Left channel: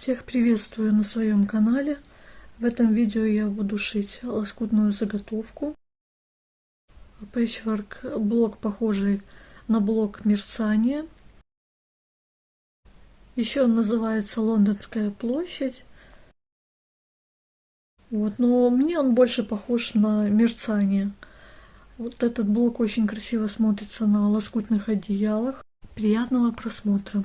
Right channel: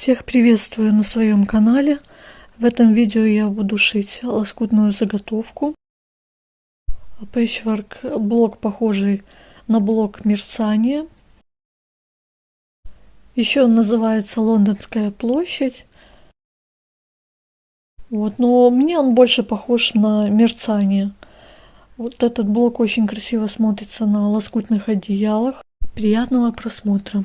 Всех приветствую на своем канале. В этом видео я буду шить лоскутную заготовку. Пэчворк блок, похожий на блок мерцания. Еще он называется Лондонская площадь. Но мне он больше похож на мерцание. Вот этот блок очень красиво смотрится на лоскутных одеялах. Приятного просмотра!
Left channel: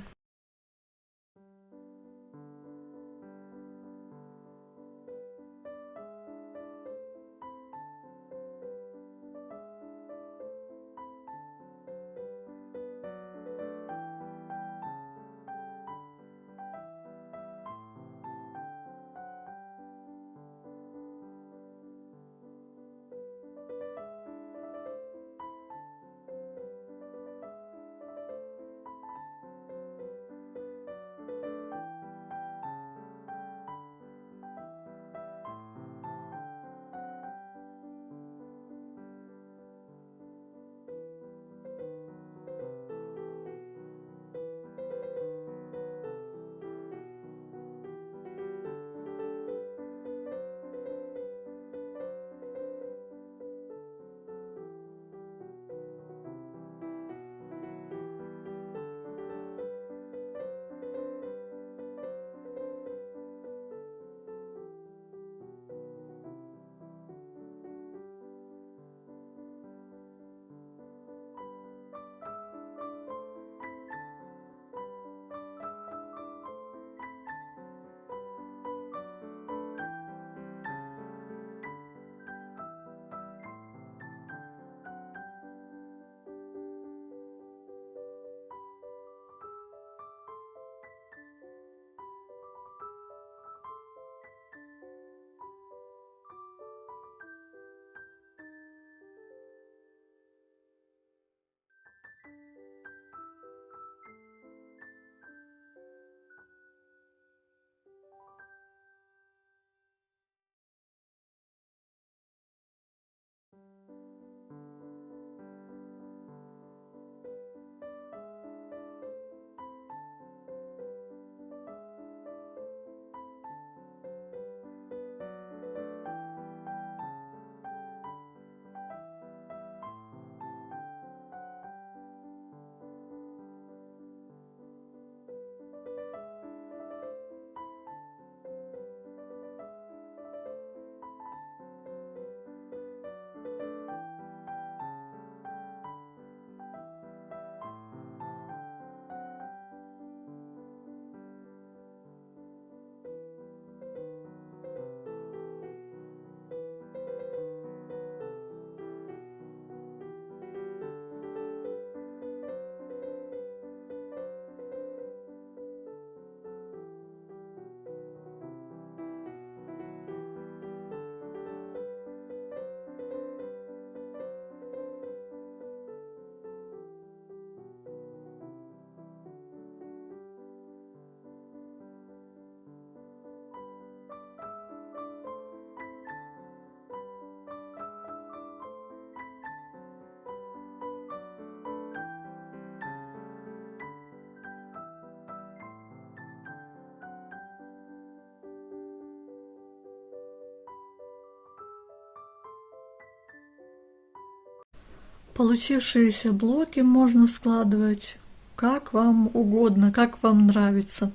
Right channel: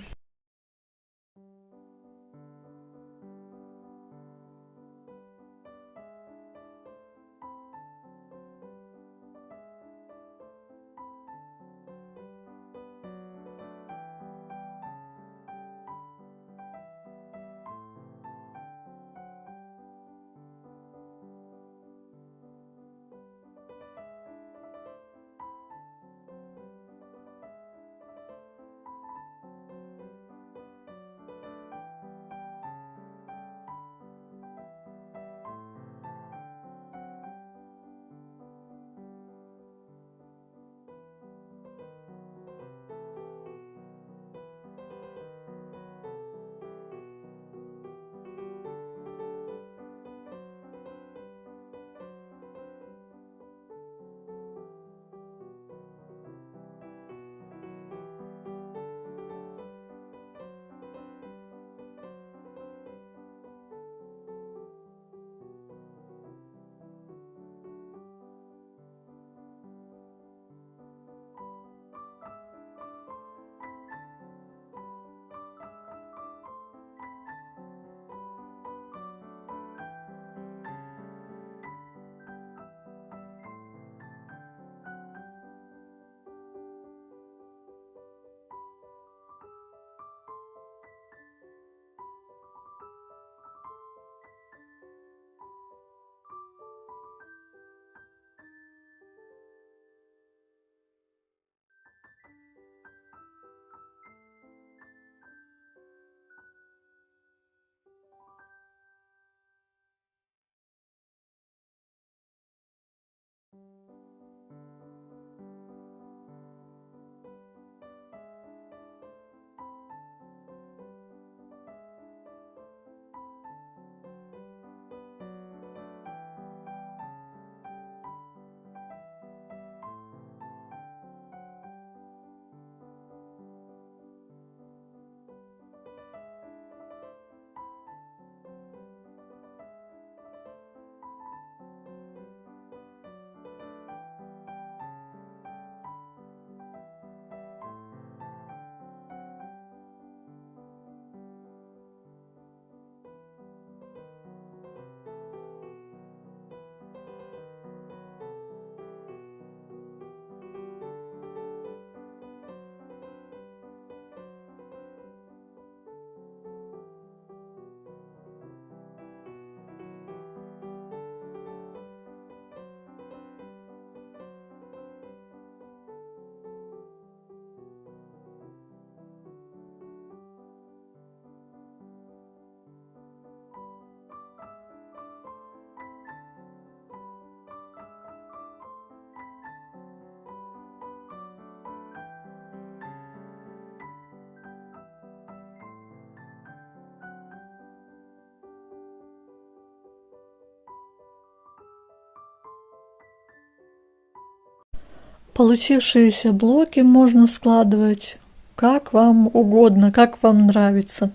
Получившиеся блоки можно складывать как вам угодно, как вам нравится.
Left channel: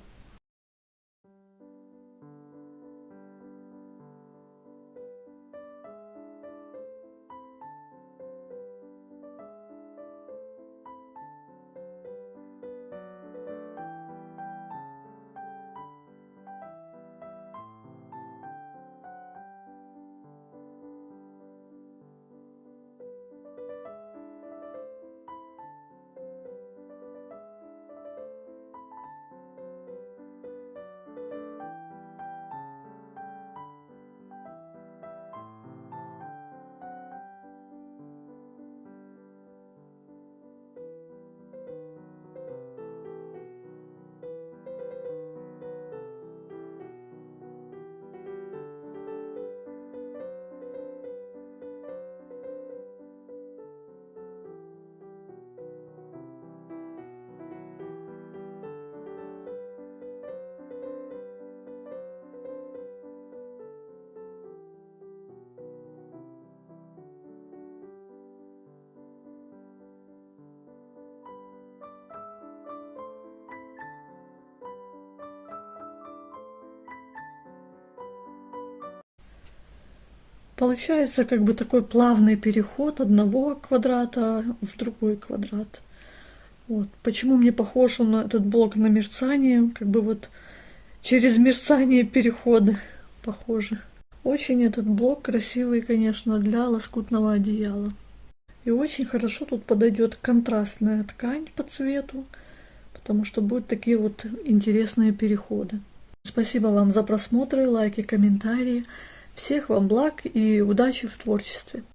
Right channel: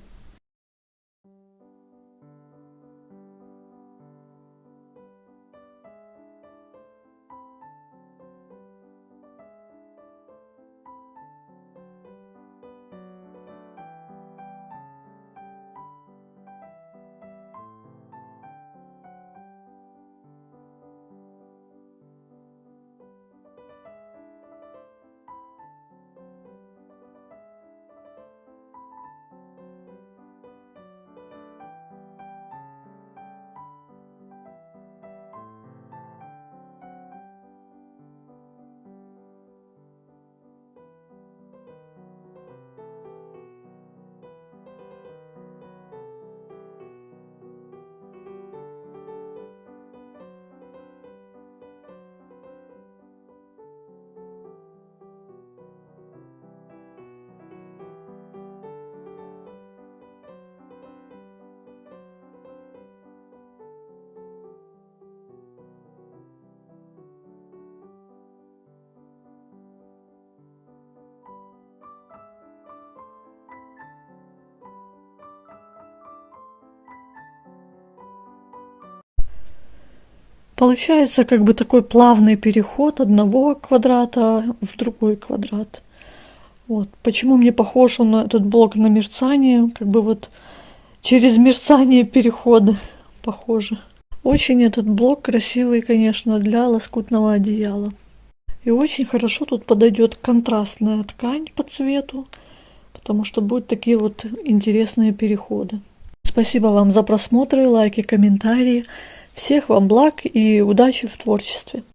Получается как бы такой плавный переход одного квадрата в другой квадрат. Вот. Почему мне похож он на этот блок на мерцание? Как бы вот через мерцание переходы похожи. Очень этот блок красивый, конечно, для лоскутного одеяла. И очень хорошо тут подойдет контрастная ткань по цвету, потому что будут такие вот интересные переходы. Спасибо вам за просмотры, лайки, комментарии. Всех вам благ и удачи в творчестве.